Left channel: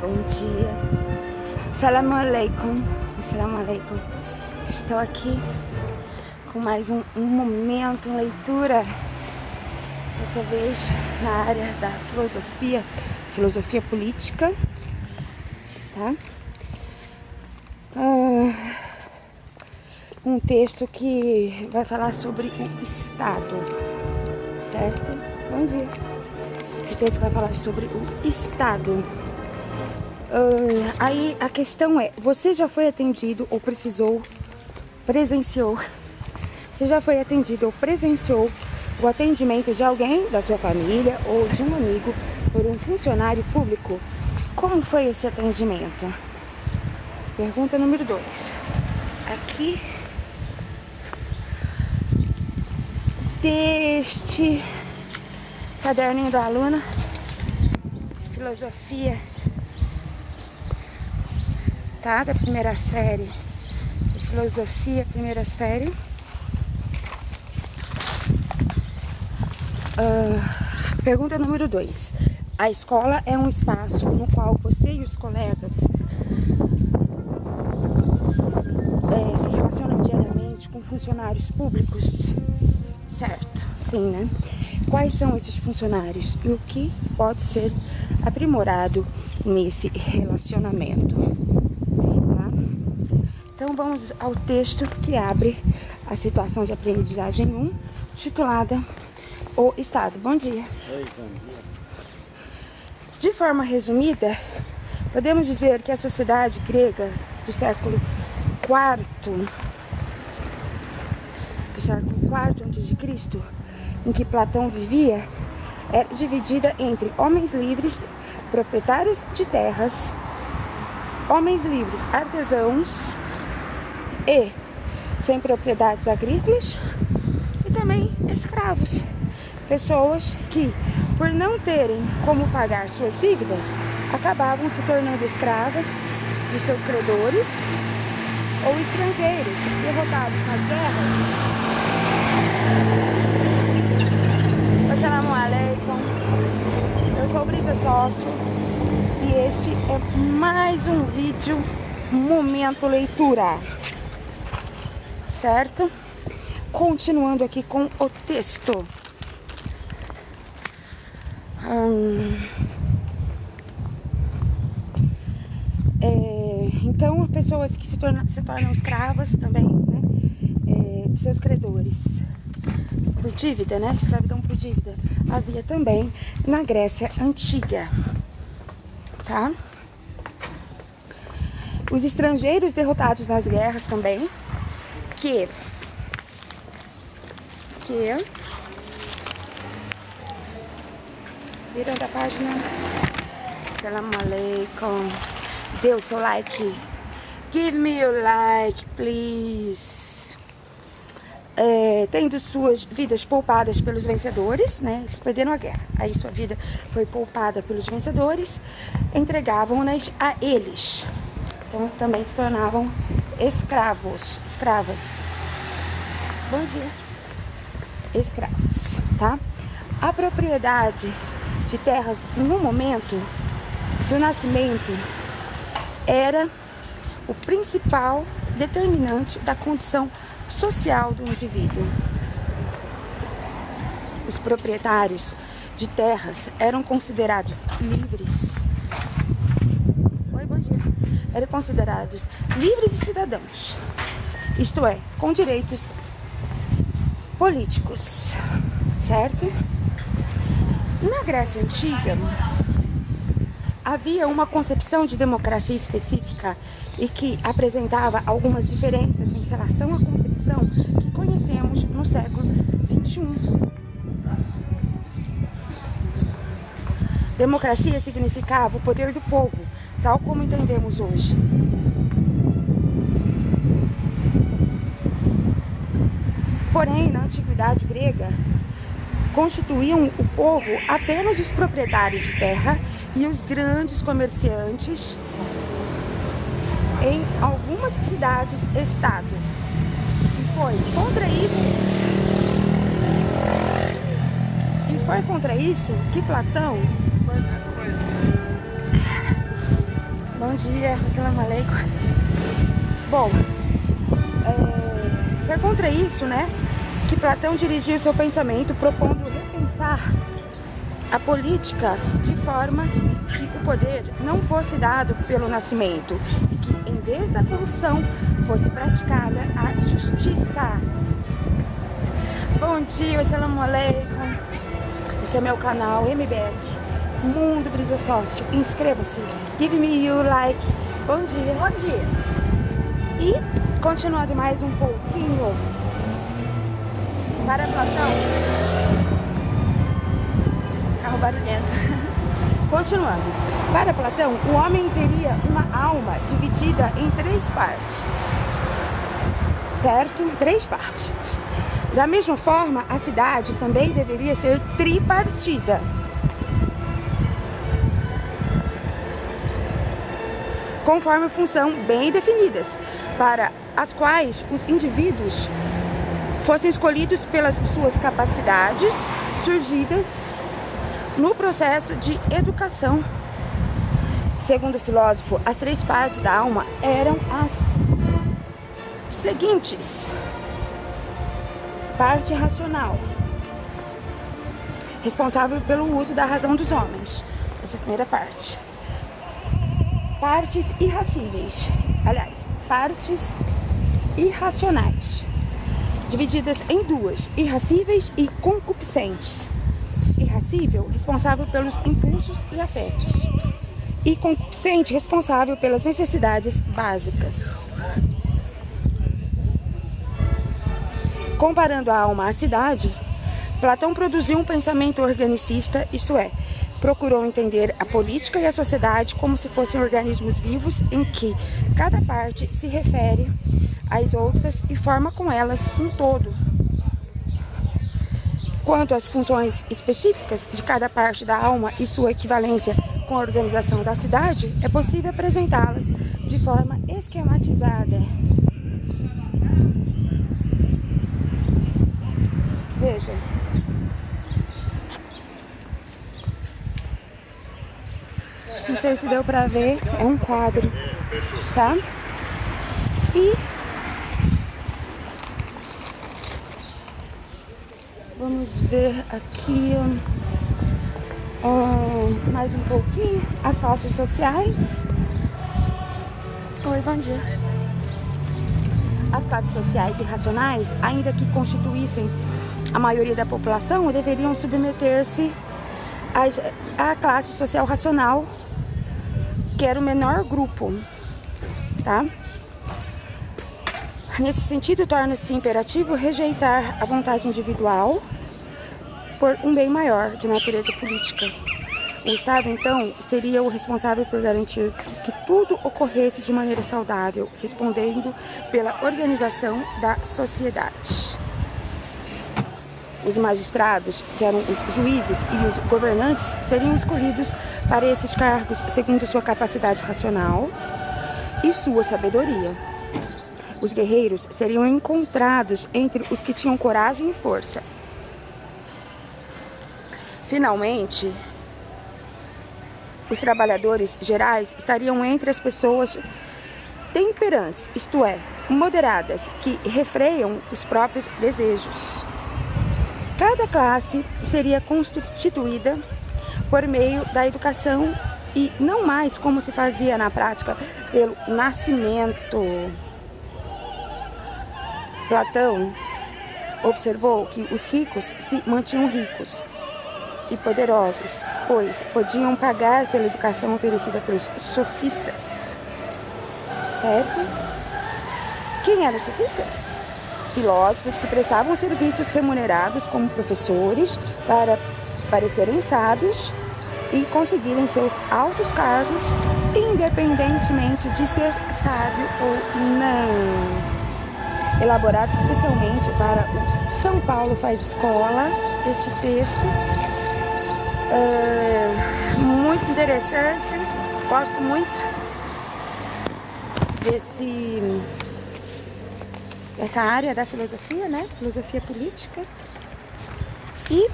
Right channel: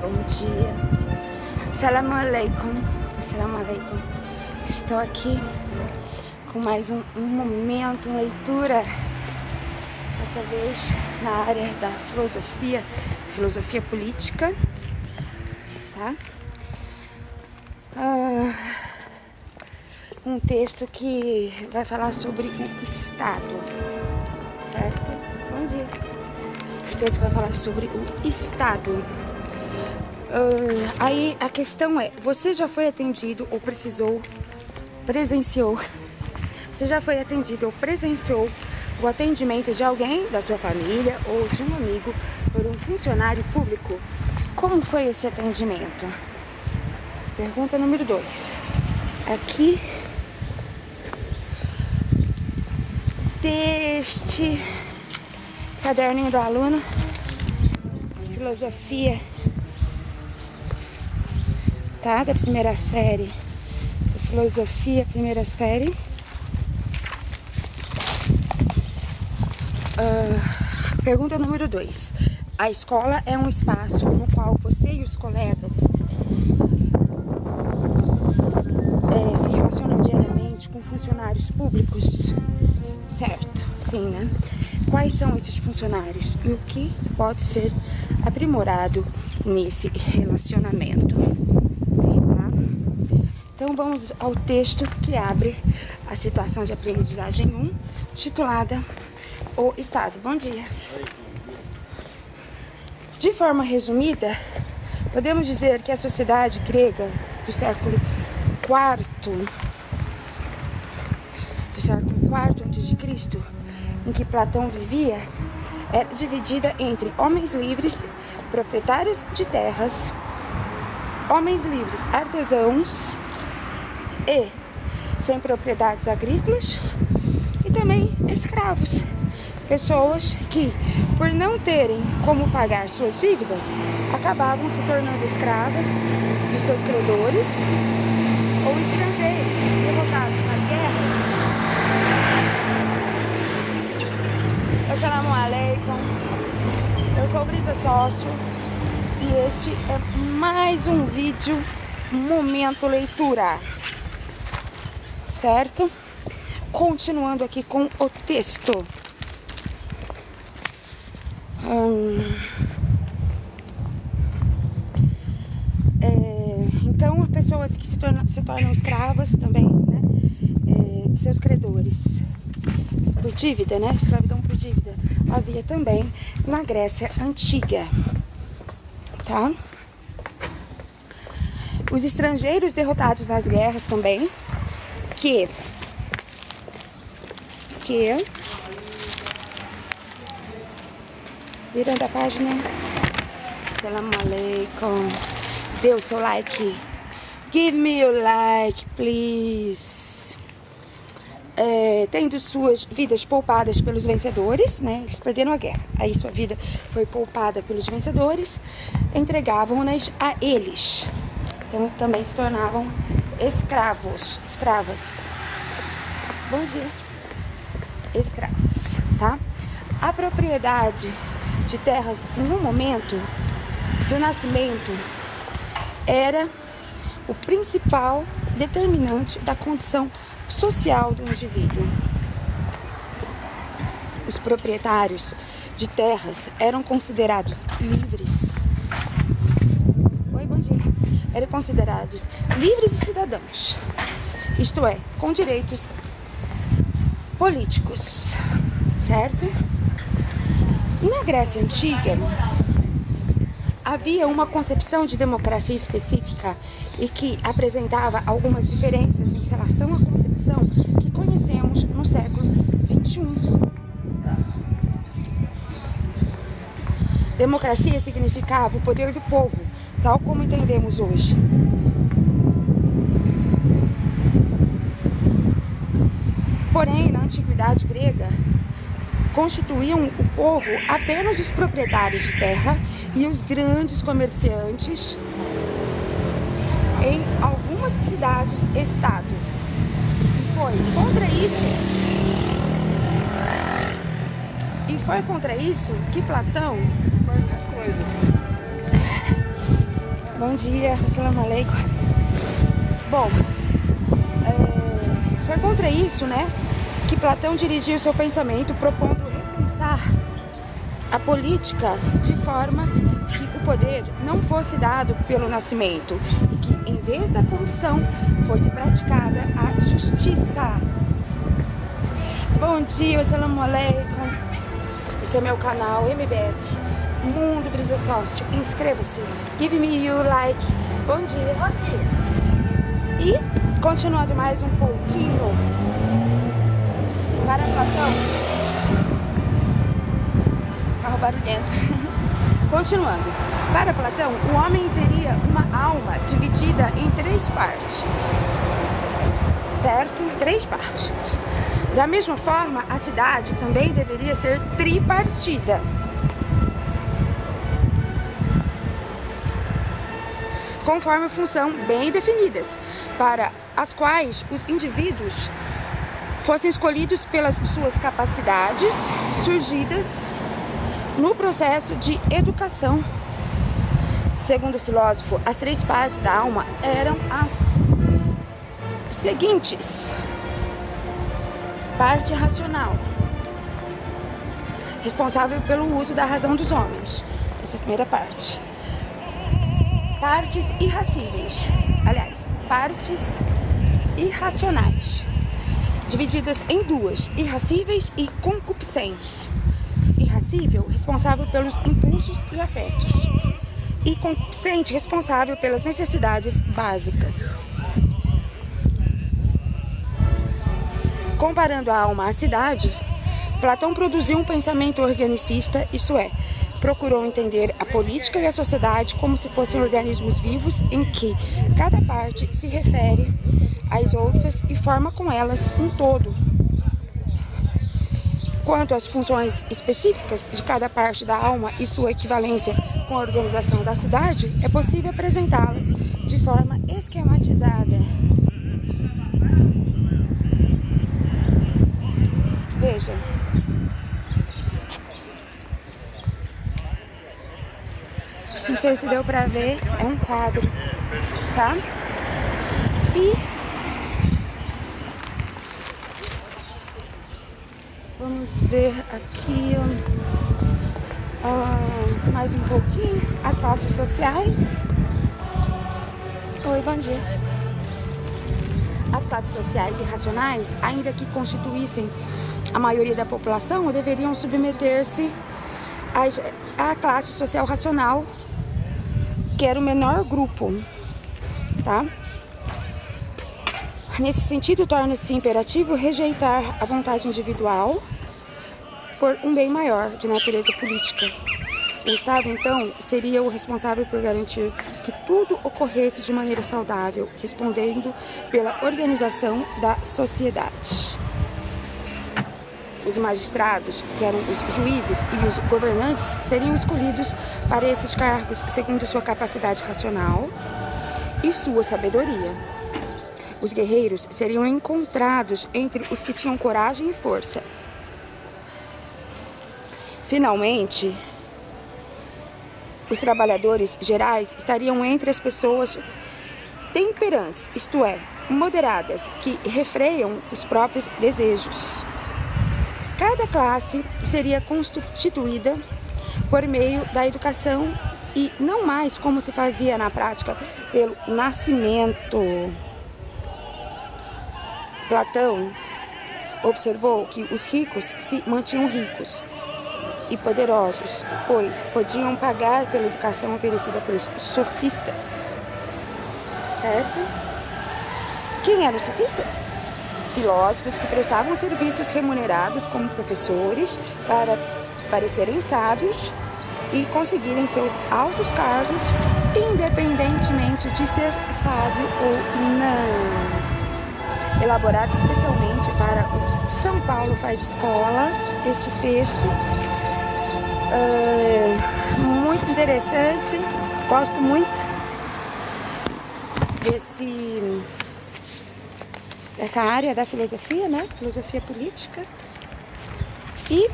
bom dia. Assalamu alaikum. Assalamu alaikum. Estou aqui com mais um momento, leitura, dessa vez na área da filosofia política, tá? Um texto que vai falar sobre o Estado, certo? Bom dia. O texto que vai falar sobre o Estado. Aí a questão é, você já foi atendido ou presenciou? Você já foi atendido ou presenciou o atendimento de alguém da sua família ou de um amigo por um funcionário público? Como foi esse atendimento? Pergunta número 2. Aqui, deste caderninho da aluna, filosofia, tá? Da primeira série, de filosofia, primeira série. Pergunta número 2. A escola é um espaço no qual você e os colegas se relacionam diariamente com funcionários públicos? Certo, sim, né? Quais são esses funcionários e o que pode ser aprimorado nesse relacionamento? Tá? Então vamos ao texto que abre a situação de aprendizagem 1, titulada O Estado. Bom dia. Oi, bom dia. De forma resumida, podemos dizer que a sociedade grega do século IV a.C., em que Platão vivia, era dividida entre homens livres, proprietários de terras, homens livres, artesãos e sem propriedades agrícolas, e também escravos, pessoas que, por não terem como pagar suas dívidas, acabavam se tornando escravas de seus credores ou estrangeiros derrotados nas guerras. Assalamu alaikum. Eu sou Brisa Sócio e este é mais um vídeo Momento Leitura, certo? Continuando aqui com o texto. Então, pessoas que se tornam escravas também, né, de seus credores, por dívida, né, escravidão por dívida, havia também na Grécia Antiga, tá? Os estrangeiros derrotados nas guerras também, virando a página. Assalamu alaikum. Dê o seu like. Give me your like, please. Tendo suas vidas poupadas pelos vencedores, né? Eles perderam a guerra. Aí sua vida foi poupada pelos vencedores. Entregavam-nas a eles. Então também se tornavam escravas. Bom dia. Escravos, tá? A propriedade de terras no momento do nascimento era o principal determinante da condição social do indivíduo. Os proprietários de terras eram considerados livres. Oi, bom dia. Eram considerados livres e cidadãos, isto é, com direitos políticos, certo? Na Grécia Antiga, havia uma concepção de democracia específica e que apresentava algumas diferenças em relação à concepção que conhecemos no século XXI. Democracia significava o poder do povo, tal como entendemos hoje. Porém, na antiguidade grega, constituíam o povo apenas os proprietários de terra e os grandes comerciantes em algumas cidades-estado. E foi contra isso que Platão Bom dia, assalamu alaikum. Bom, foi contra isso, né, que Platão dirigiu seu pensamento propondo repensar a política de forma que o poder não fosse dado pelo nascimento e que, em vez da corrupção, fosse praticada a justiça. Bom dia, assalamu alaikum. Esse é meu canal MBS Mundo Brisa Sócio. Inscreva-se, give me your like. Bom dia. Bom dia. E, continuando mais um pouquinho, para Platão, carro barulhento. Continuando, para Platão, o homem teria uma alma dividida em 3 partes, certo? 3 partes. Da mesma forma, a cidade também deveria ser tripartida. Conforme função bem definidas, para as quais os indivíduos fossem escolhidos pelas suas capacidades surgidas no processo de educação. Segundo o filósofo, as 3 partes da alma eram as seguintes: parte racional, responsável pelo uso da razão dos homens. Essa é a primeira parte. Partes irracíveis, aliás, partes irracionais, divididas em 2, irracíveis e concupiscentes. Irracível, responsável pelos impulsos e afetos, e concupiscente, responsável pelas necessidades básicas. Comparando a alma à cidade, Platão produziu um pensamento organicista, isto é, procurou entender a política e a sociedade como se fossem organismos vivos em que cada parte se refere às outras e forma com elas um todo. Quanto às funções específicas de cada parte da alma e sua equivalência com a organização da cidade, é possível apresentá-las de forma esquematizada. Veja. Não sei se deu pra ver, é um quadro, tá? E vamos ver aqui mais um pouquinho as classes sociais. Oi, bom dia. As classes sociais irracionais, ainda que constituíssem a maioria da população, deveriam submeter-se à classe social racional, que era o menor grupo, tá? Nesse sentido, torna-se imperativo rejeitar a vontade individual por um bem maior de natureza política. O Estado, então, seria o responsável por garantir que tudo ocorresse de maneira saudável, respondendo pela organização da sociedade. Os magistrados, que eram os juízes e os governantes, seriam escolhidos para esses cargos segundo sua capacidade racional e sua sabedoria. Os guerreiros seriam encontrados entre os que tinham coragem e força. Finalmente, os trabalhadores gerais estariam entre as pessoas temperantes, isto é, moderadas, que refreiam os próprios desejos. Cada classe seria constituída por meio da educação e não mais como se fazia na prática pelo nascimento. Platão observou que os ricos se mantinham ricos e poderosos, pois podiam pagar pela educação oferecida pelos sofistas. Certo? Quem eram os sofistas? Filósofos que prestavam serviços remunerados como professores para parecerem sábios e conseguirem seus altos cargos, independentemente de ser sábio ou não. Elaborado especialmente para o São Paulo Faz Escola, este texto. Muito interessante, gosto muito dessa área da filosofia, né? Filosofia política. E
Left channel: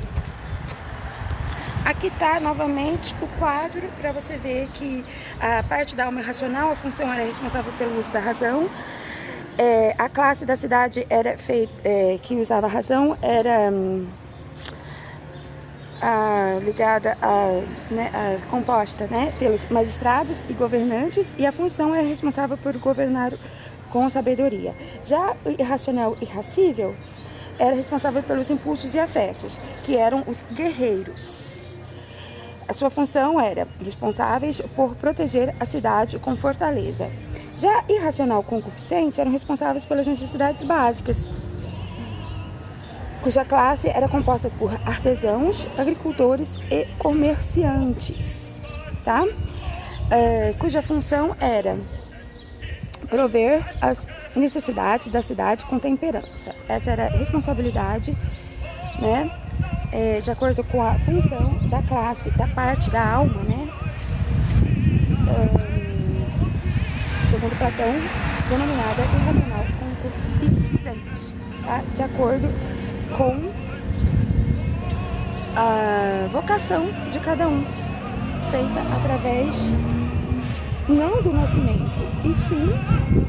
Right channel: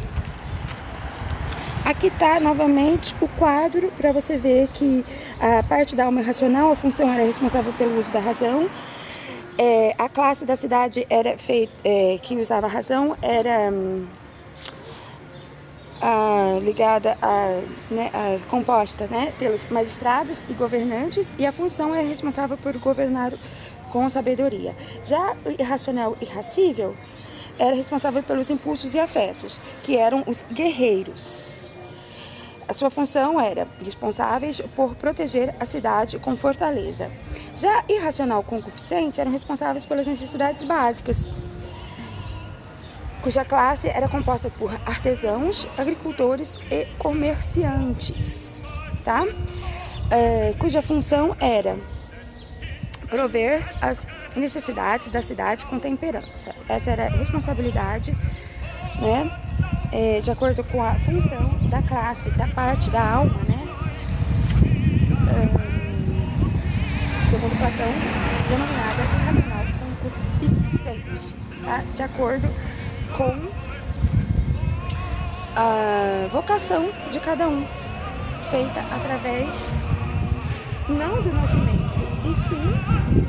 aqui tá novamente o quadro para você ver que a parte da alma irracional, a função era responsável pelo uso da razão. A classe da cidade era que usava a razão era ligada composta, né, pelos magistrados e governantes, e a função é responsável por governar com sabedoria. Já o irracional e irracível era responsável pelos impulsos e afetos, que eram os guerreiros. A sua função era responsáveis por proteger a cidade com fortaleza. Já irracional concupiscente eram responsáveis pelas necessidades básicas, cuja classe era composta por artesãos, agricultores e comerciantes, tá? Cuja função era prover as necessidades da cidade com temperança. Essa era a responsabilidade, né? De acordo com a função da classe, da parte da alma, né? Segundo Platão, denominada irracional concupiscente, tá? De acordo com a vocação de cada um, feita através não do nascimento, e sim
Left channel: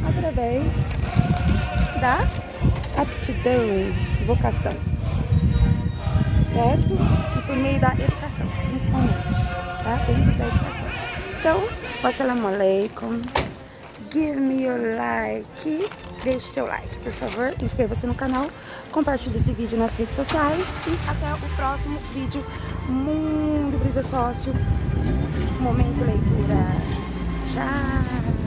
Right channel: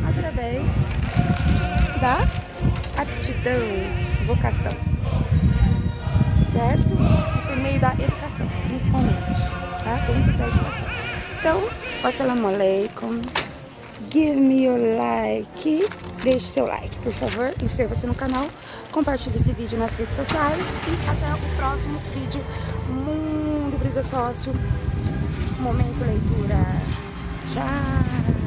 através da aptidão, vocação, certo? E por meio da educação, principalmente, tá? Dentro da educação. Então, wassalamu alaikum, give me your like, deixe seu like, por favor, inscreva-se no canal, compartilhe esse vídeo nas redes sociais e até o próximo vídeo. Mundo Brisa Sócio, Momento Leitura. Tchau!